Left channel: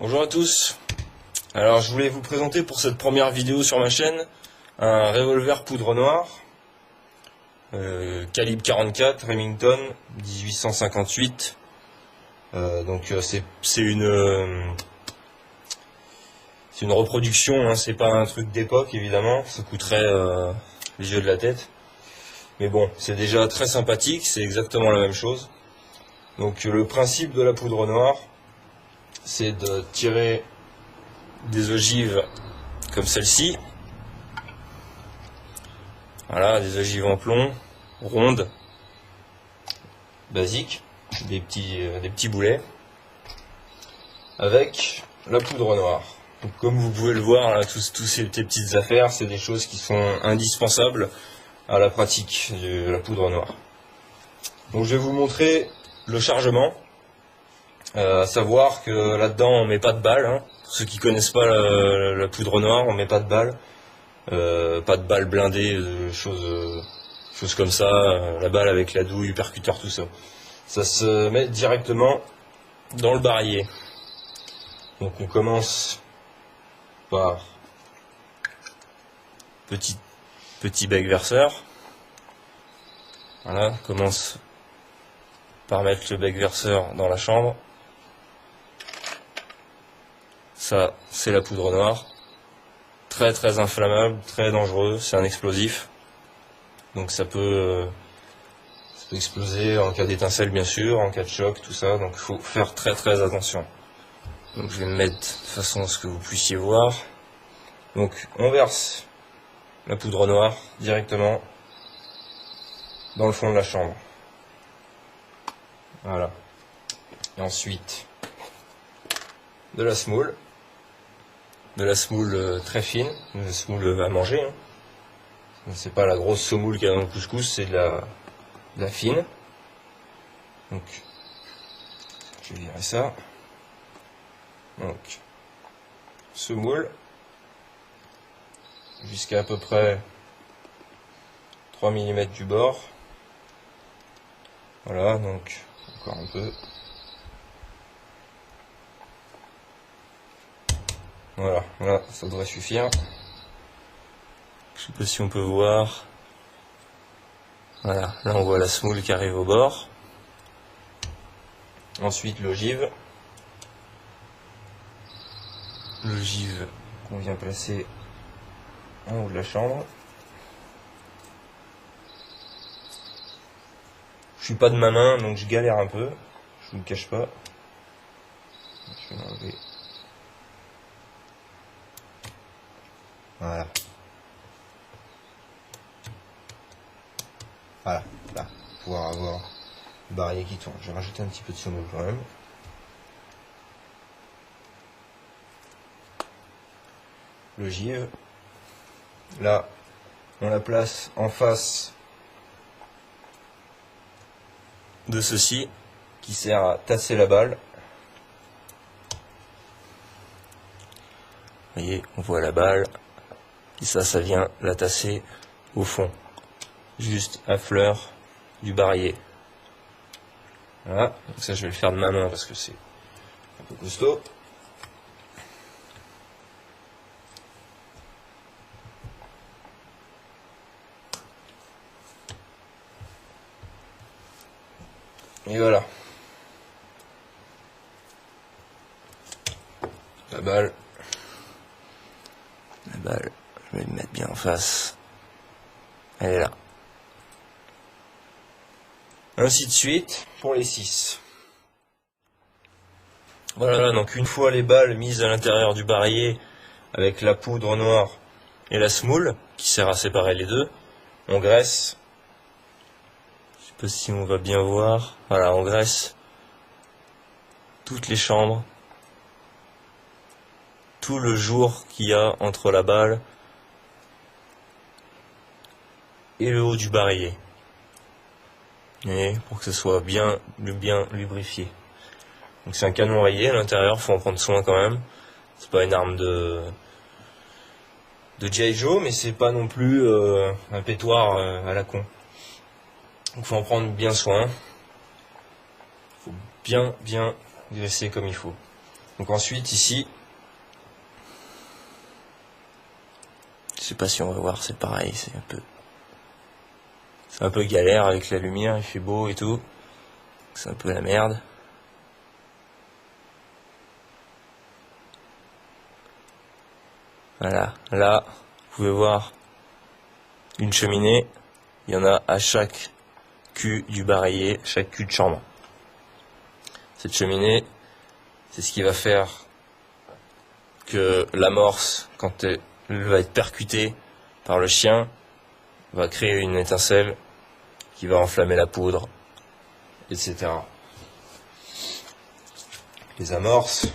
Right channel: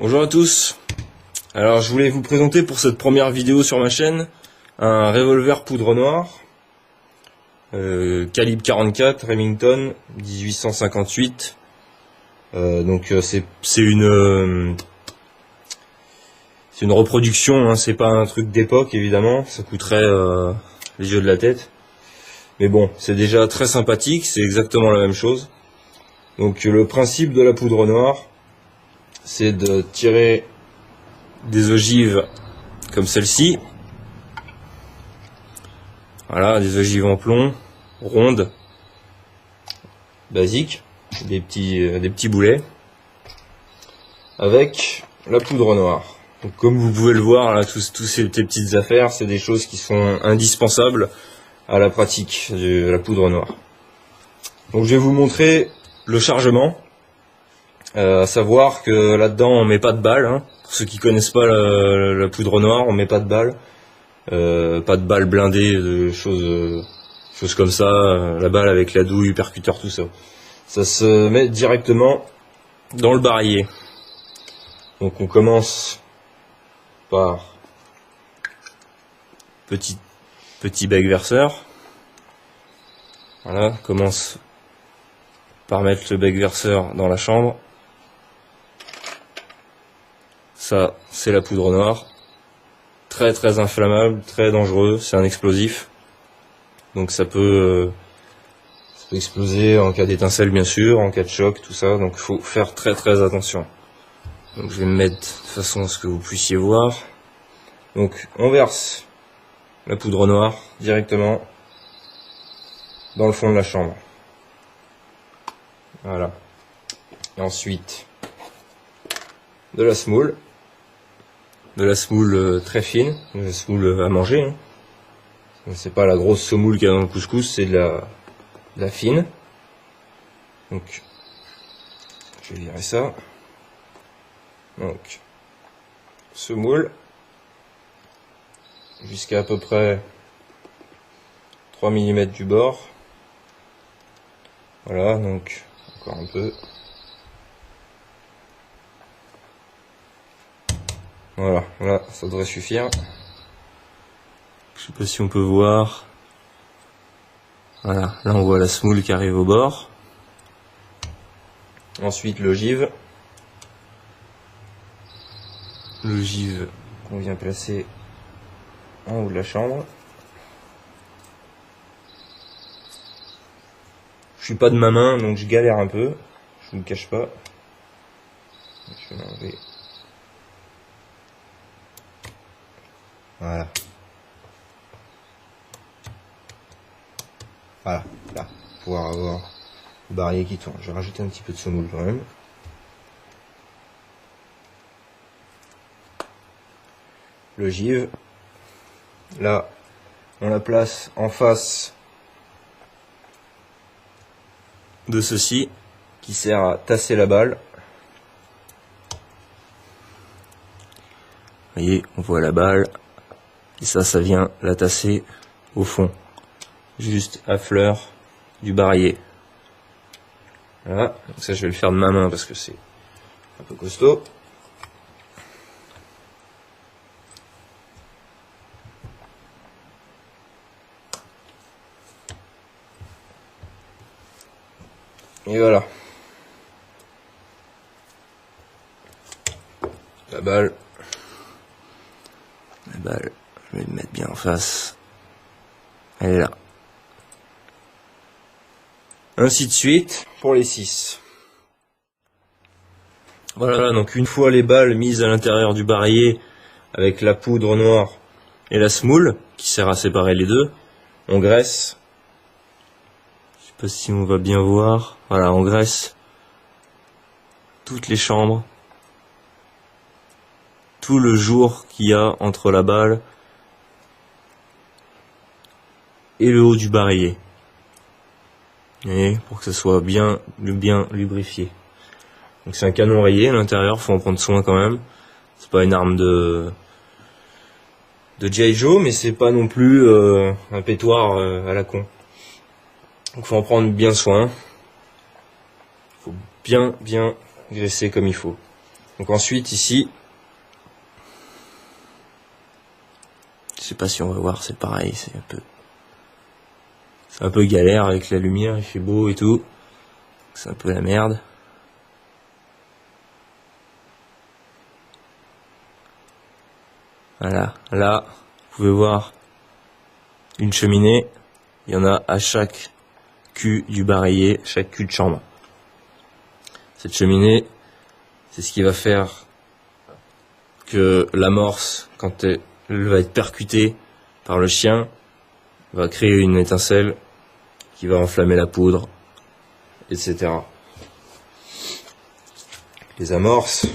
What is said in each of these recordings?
Bonjour à tous. Alors je voulais vous présenter pour cette première vidéo sur ma chaîne un revolver poudre noire calibre 44 Remington 1858. C'est une reproduction, hein, c'est pas un truc d'époque évidemment, ça coûterait les yeux de la tête. Mais bon, c'est déjà très sympathique, c'est exactement la même chose. Donc le principe de la poudre noire, c'est de tirer des ogives comme celle-ci. Voilà, des ogives en plomb, rondes, basiques, des petits boulets, avec la poudre noire. Donc, comme vous pouvez le voir, là, tous ces petites affaires, c'est des choses qui sont indispensables à la pratique de la poudre noire. Donc je vais vous montrer le chargement, à savoir que là-dedans on met pas de balles, hein. Pour ceux qui connaissent pas la poudre noire, on met pas de balles, pas de balles blindées, de choses comme ça, la balle avec la douille, percuteur, tout ça. Ça se met directement dans le barillet. Donc on commence par petit bec verseur. Voilà, commence par mettre le bec verseur dans la chambre. Ça, c'est la poudre noire. Très très inflammable, très dangereux, c'est un explosif. Donc ça peut exploser en cas d'étincelle bien sûr, en cas de choc, tout ça. Donc il faut faire très très attention. Donc je vais me mettre de façon à ce que vous puissiez voir. Donc on verse la poudre noire directement dans le fond de la chambre. Voilà. Et ensuite de la semoule. De la semoule très fine, de la semoule à manger, hein. C'est pas la grosse semoule qu'il y a dans le couscous, c'est de la fine. Donc je vais virer ça. Donc semoule jusqu'à peu près 3 mm du bord. Voilà, donc encore un peu. Voilà, là, ça devrait suffire. Je sais pas si on peut voir. Voilà, là on voit la semoule qui arrive au bord. Ensuite l'ogive. L'ogive qu'on vient placer en haut de la chambre. Je suis pas de ma main, donc je galère un peu. Je vous le cache pas. Je vais l'enlever. Voilà. Voilà, là, pour pouvoir avoir le barillet qui tourne. Je vais rajouter un petit peu de semoule quand même. L'ogive. Là, on la place en face de ceci, qui sert à tasser la balle. Vous voyez, on voit la balle. Et ça vient la tasser au fond, juste à fleur du barillet. Voilà, donc ça je vais le faire de ma main parce que c'est un peu costaud. Et voilà. La balle, je vais le mettre bien en face. Elle est là. Ainsi de suite pour les 6. Voilà, donc une fois les balles mises à l'intérieur du barillet avec la poudre noire et la semoule qui sert à séparer les deux, on graisse. Je sais pas si on va bien voir. Voilà, on graisse toutes les chambres, tout le jour qu'il y a entre la balle et le haut du barillet. Et pour que ça soit bien lubrifié. Donc c'est un canon rayé à l'intérieur, faut en prendre soin quand même. C'est pas une arme de G.I. Joe, mais c'est pas non plus un pétoir à la con. Donc faut en prendre bien soin. Faut bien graisser comme il faut. Donc ensuite ici, je sais pas si on va voir, c'est pareil, c'est un peu galère avec la lumière, il fait beau et tout, c'est un peu la merde. Voilà, là, vous pouvez voir une cheminée, il y en a à chaque cul du barillet, chaque cul de chambre. Cette cheminée, c'est ce qui va faire que l'amorce, quand elle va être percutée par le chien, va créer une étincelle qui va enflammer la poudre, etc. Les amorces,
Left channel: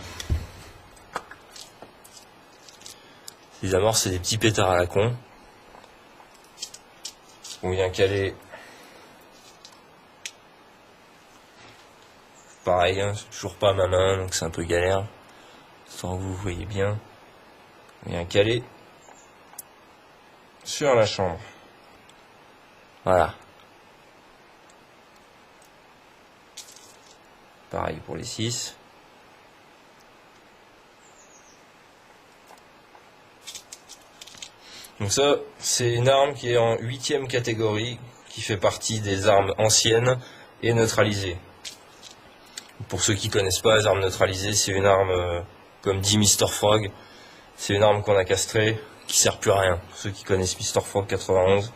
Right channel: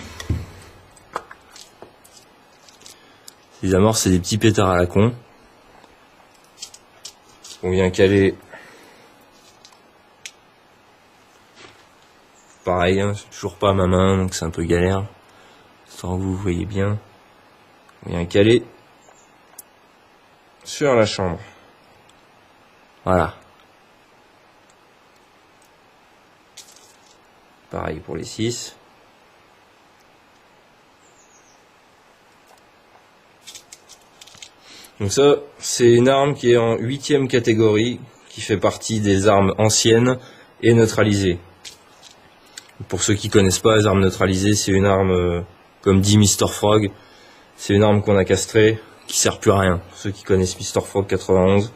c'est des petits pétards à la con. On vient caler, pareil, hein, c'est toujours pas à ma main, donc c'est un peu galère. Sans que vous voyez bien. On vient caler sur la chambre. Voilà. Pareil pour les 6. Donc ça, c'est une arme qui est en 8e catégorie, qui fait partie des armes anciennes et neutralisées. Pour ceux qui connaissent pas, les armes neutralisées, c'est une arme, comme dit Mr. Frog, c'est une arme qu'on a castrée, qui sert plus à rien. Pour ceux qui connaissent Mr. Frog 91.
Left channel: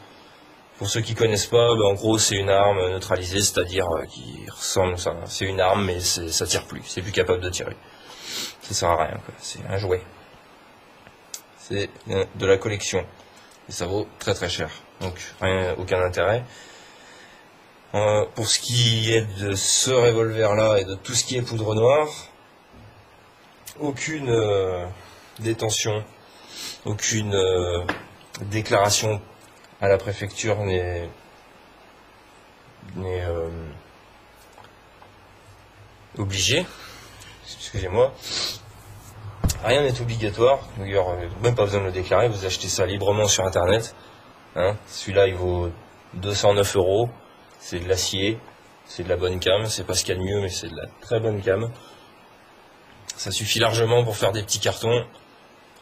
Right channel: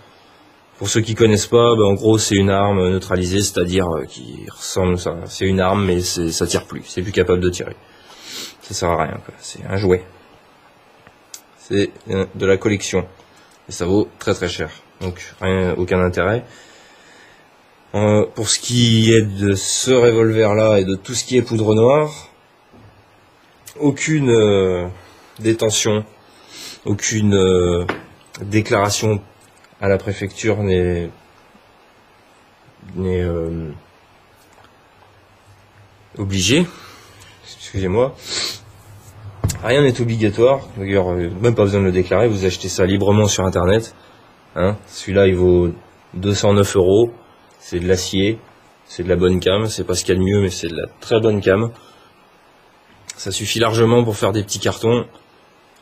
Pour ceux qui connaissent pas, en gros, c'est une arme neutralisée, c'est-à-dire qui ressemble, c'est une arme, mais ça tire plus, c'est plus capable de tirer. Ça sert à rien, quoi. C'est un jouet. C'est de la collection. Et ça vaut très très cher. Donc aucun intérêt. Pour ce qui est de ce revolver-là et de tout ce qui est poudre noire, aucune détention, aucune déclaration à la préfecture n'est obligée. Excusez-moi. Rien n'est obligatoire, d'ailleurs même pas besoin de le déclarer, vous achetez ça librement sur internet. Hein. Celui-là il vaut 209 €, c'est de l'acier, c'est de la bonne cam, c'est pas ce qu'il y a de mieux mais c'est de la très bonne cam. Ça suffit largement pour faire des petits cartons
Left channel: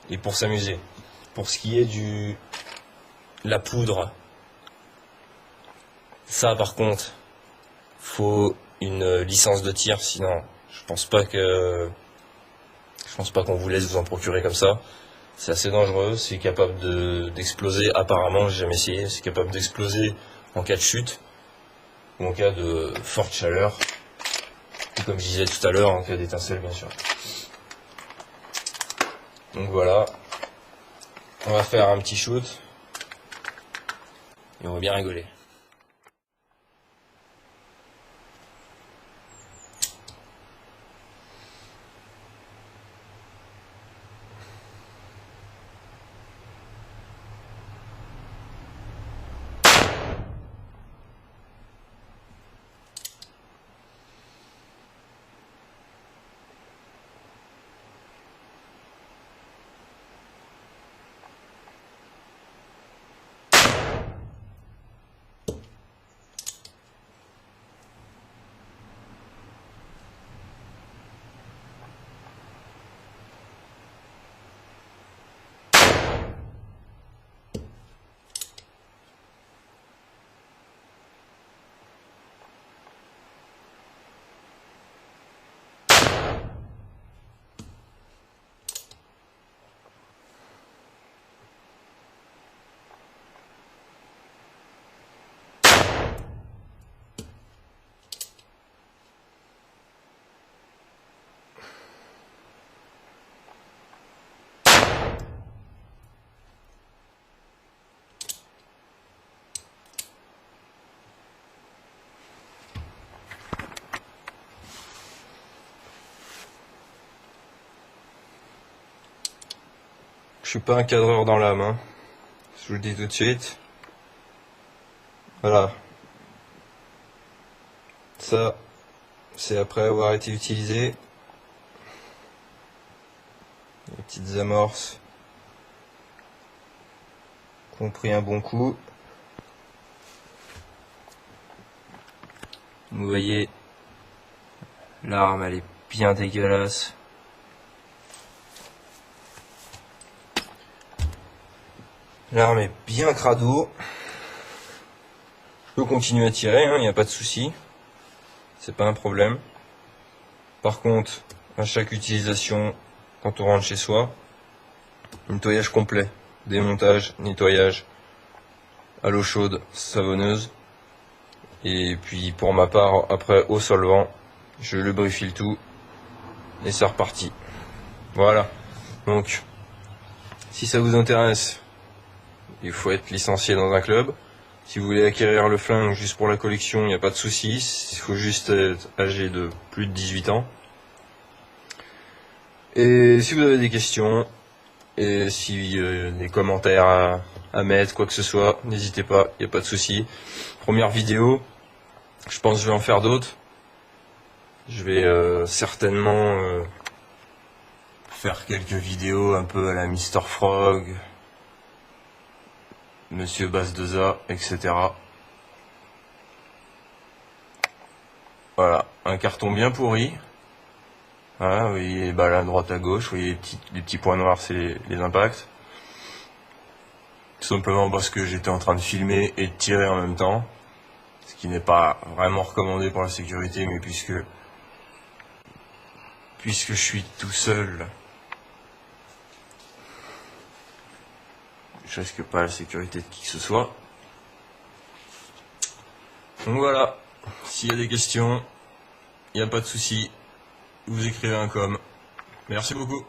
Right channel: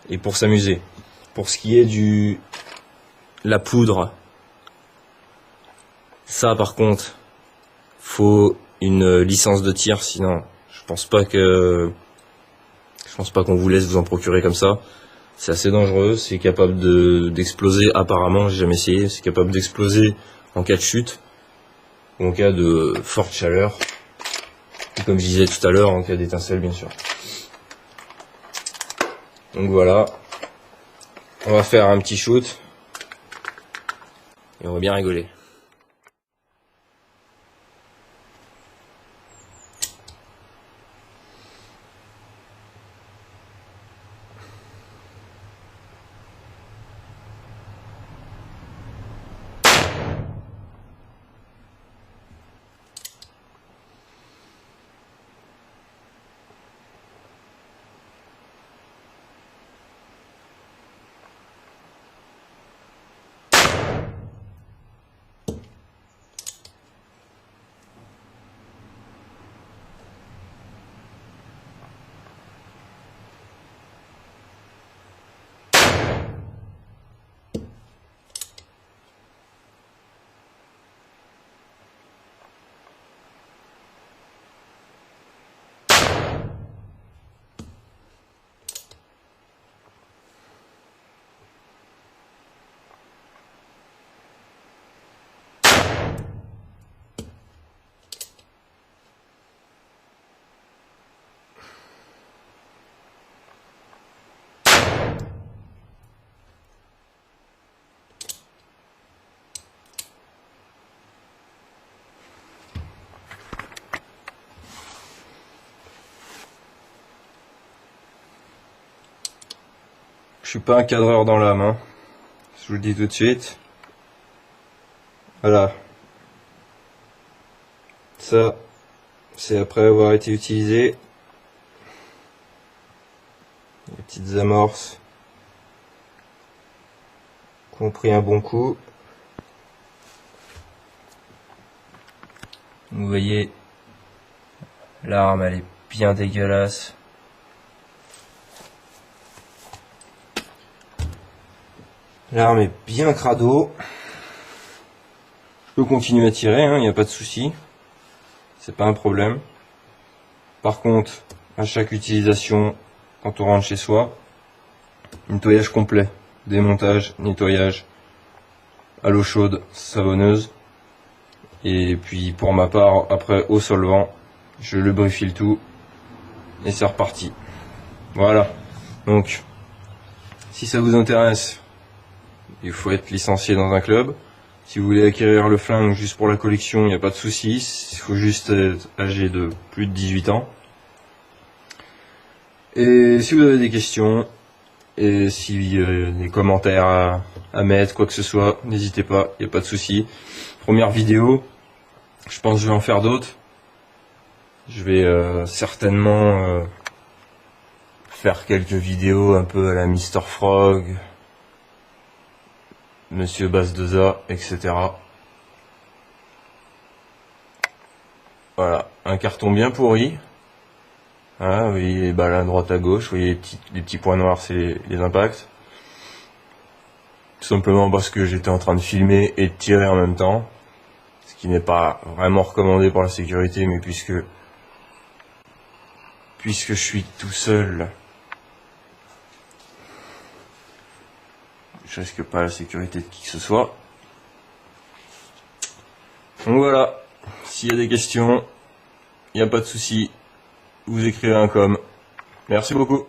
et pour s'amuser. Pour ce qui est la poudre, ça par contre, faut une licence de tir, sinon je pense pas qu'on vous laisse vous en procurer comme ça. C'est assez dangereux, c'est capable d'exploser apparemment, j'ai jamais essayé, c'est capable d'exploser en cas de chute, ou en cas de forte chaleur, ou comme je disais tout à l'heure, en cas d'étincelle bien sûr. Donc voilà, on va faire un petit shoot, et on va bien rigoler. Je suis pas un cadreur dans l'âme, hein. Je vous le dis tout de suite. Voilà. Ça, c'est après avoir été utilisé. Les petites amorces qui ont pris un bon coup. Vous voyez, l'arme elle est bien dégueulasse. L'arme est bien crado. Je peux continuer à tirer, il n'y a pas de souci. C'est pas un problème. Par contre, à chaque utilisation, quand on rentre chez soi, nettoyage complet. Démontage, nettoyage à l'eau chaude, savonneuse. Et puis pour ma part, après au solvant, je lubrifie le tout. Et c'est reparti. Voilà. Donc, si ça vous intéresse, il faut être licencié dans un club. Si vous voulez acquérir le flingue juste pour la collection, il n'y a pas de souci. Il faut juste être âgé de plus de 18 ans. Et si vous avez des questions, et si des commentaires à mettre, quoi que ce soit, n'hésitez pas, il n'y a pas de souci. Première vidéo, je pense que je vais en faire d'autres. Je vais certainement faire quelques vidéos un peu à la Mr. Frog, Monsieur Bass2A, etc. Voilà, un carton bien pourri. Voilà, vous voyez les balles à droite à gauche, vous voyez les petits points noirs, c'est les impacts. Tout simplement parce que j'étais en train de filmer et de tirer en même temps. Ce qui n'est pas vraiment recommandé pour la sécurité, mais puisque je suis tout seul, je risque pas la sécurité de qui que ce soit. Donc voilà, s'il y a des questions, il n'y a pas de souci, vous écrivez un com. Merci beaucoup.